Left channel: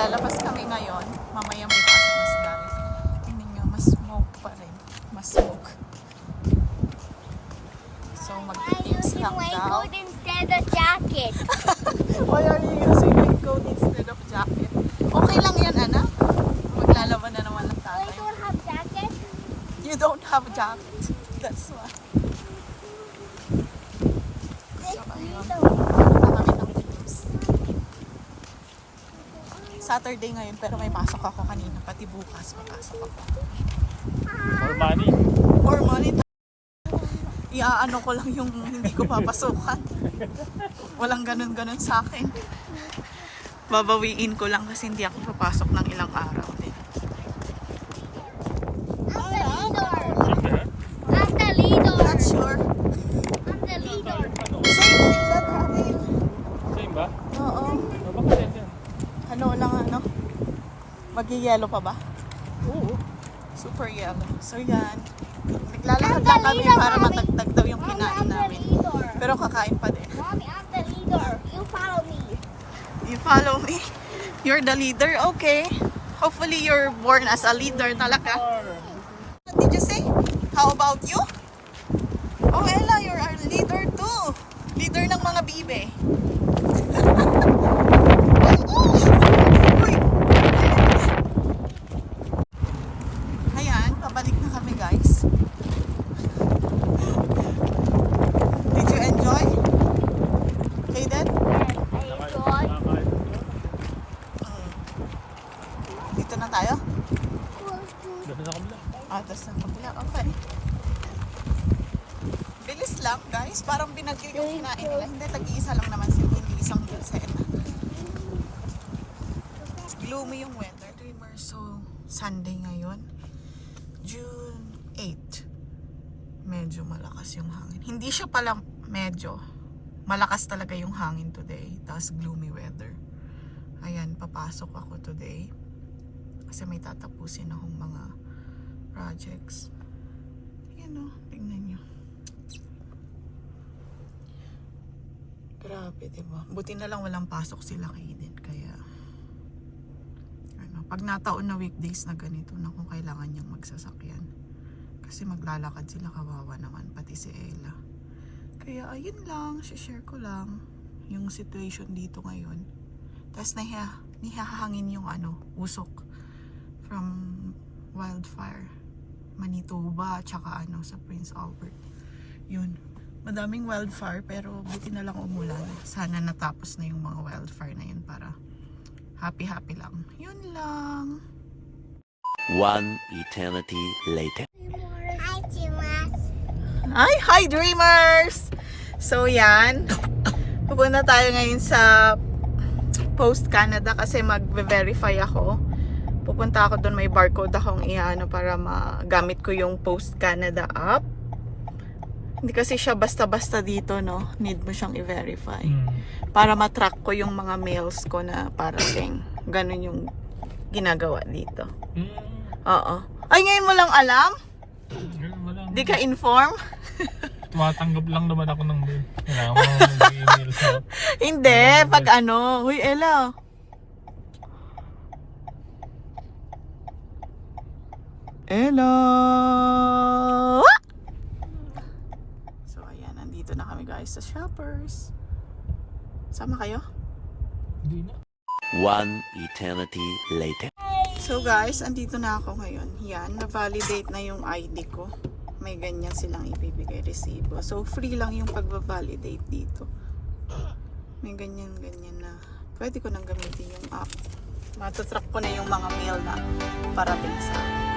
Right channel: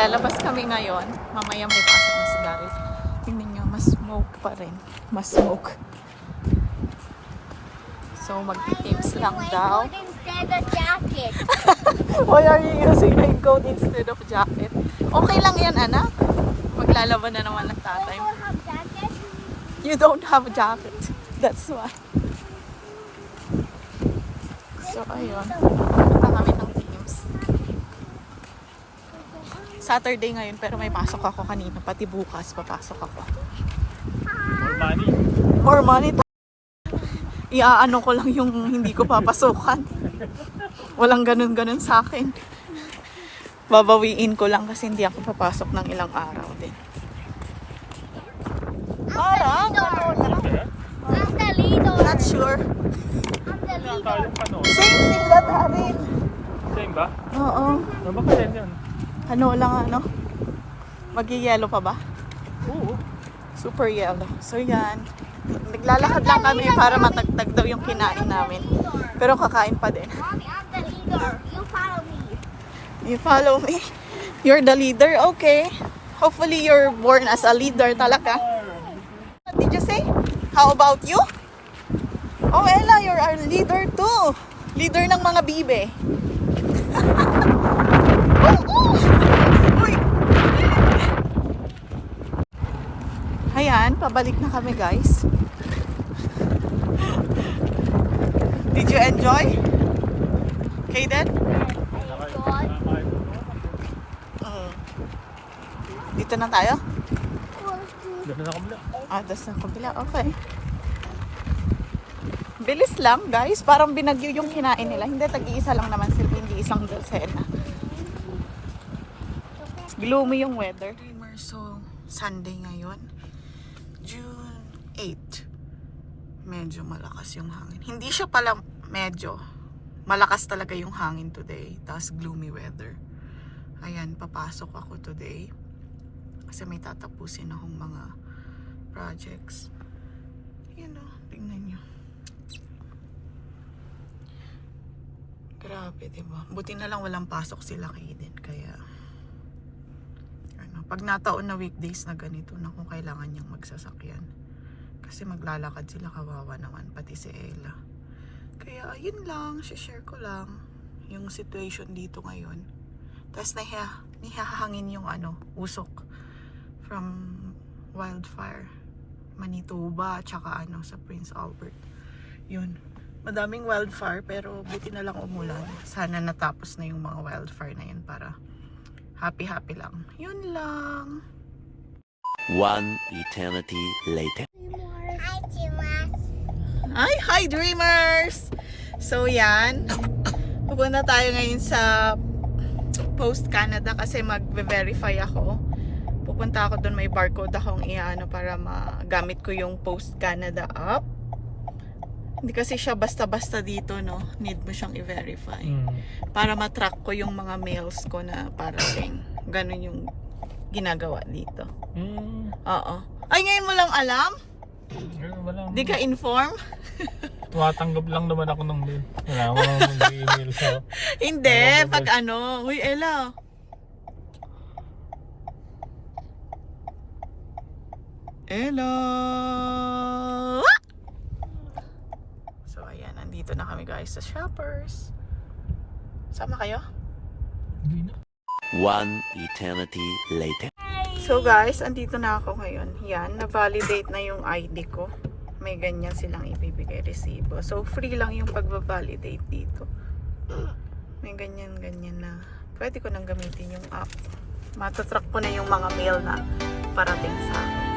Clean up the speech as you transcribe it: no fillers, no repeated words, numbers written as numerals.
Lalabas kami ngayon. Mamaya may pasok na si Gareth. Tingnan nyo, mas smoke pa rin. Mas smoke. So, magtitips lang daw. Instead of jacket. Why are you using raincoat instead of jacket? Okay lang yan, anak. Maglalaban na naman ng tatay. I don't have jacket. You don't have a jacket. That's why. So, ayun. Kami ng tips. Saturday ngayon, pero may pasok ako kanina. Pati bukas, papasok ako. More money. More money. Iaano ko lang yung hindi ko papasukan. Walang ganun-ganun sa akin. Babawiin ko lang kasi hindi ako papasok ng ilang araw din. Parang, I'm the leader. not sure. I'm the leader. Same sila namin. Same ba? Oo. Nabuksan yan. Ano lang ano? Magi-yellow pa ba? Oo. Super yellow. So yan. Naglalakad lang kami para matagtag daw yung kinain namin. Pero kakain pa din. Mommy, I'm the leader. You follow me. You follow me? You're the leader? Okay. Hopefully you're born as a leader talaga. What did you say? How about you? Oh, Ella, you're our leader too. Leader ng mga bibe. Uy! Ayan, pabalik na kami guys. Did you enjoy? Kaden? I enjoy. Dito na tayo? Dito na kabila. Das na kabila. Okay. Bilis lang guys. Parang binagyo yung kinain nila. Hindi, tag-iisa lang naman sila. Hindi isang dulcena. Gloomy yung weather. So, Sunday ngayon. June 8. Medyo malakas yung hangin. Hindi siya pala medyo. Malakas talaga yung hangin today. Tapos gloomy weather. Ayan, papasok ako today. Kasi may tatapusin akong mga projects. Yan o, tingnan nyo. Grabe, diba? Buti na lang walang pasok sila Kaden. Kaya, ano, pag nataon na weekdays na ganito, na kung kailangan niyang magsasakyan. Kasi maglalakad sila, kawawa naman, pati si Ella. Kaya, ayun lang, share ko lang yung situation dito ngayon. Tapos nihahangin yung ano, usok from wildfire. Manitoba, tsaka ano, sa Prince Albert. Yun. Madaming wildfire, pero buti na lang umulan. Sana natapos na yung mga wildfire na yun para happy-happy lang. Yun lang. One eternity later. Hi, Timas. Hi dreamers! So yan, pupunta tayo ngayon sa Post Canada kasi mag-verify ako. Pupunta ako doon, may barcode akong iano para magamit ko yung Post Canada app. Hindi kasi siya basta-basta dito, no? Need mo siyang i-verify. Para matrack ko yung mga mails ko na parating. Ganun yung ginagawa dito. Oo. Ay, ngayon mo lang alam? Di ka inform? Tumatanggap lang naman ako ng mail. Kailangan mo mag-email sa... Hindi, pag ano. Huy, Ella. Ella. So, ayan. Nandito na kami guys sa Shoppers. Sama kayo? Hindi na. One eternity later. So guys, andito na ako ngayon. Yan, na-validate na yung ID ko. May ganyan silang ibibigay resibo. So, free lang yung pag-validate dito. May ganyan-ganyan na. Pwede ko nang gamitin yung app. Matatrack ko na yung mga mail na parating sa akin.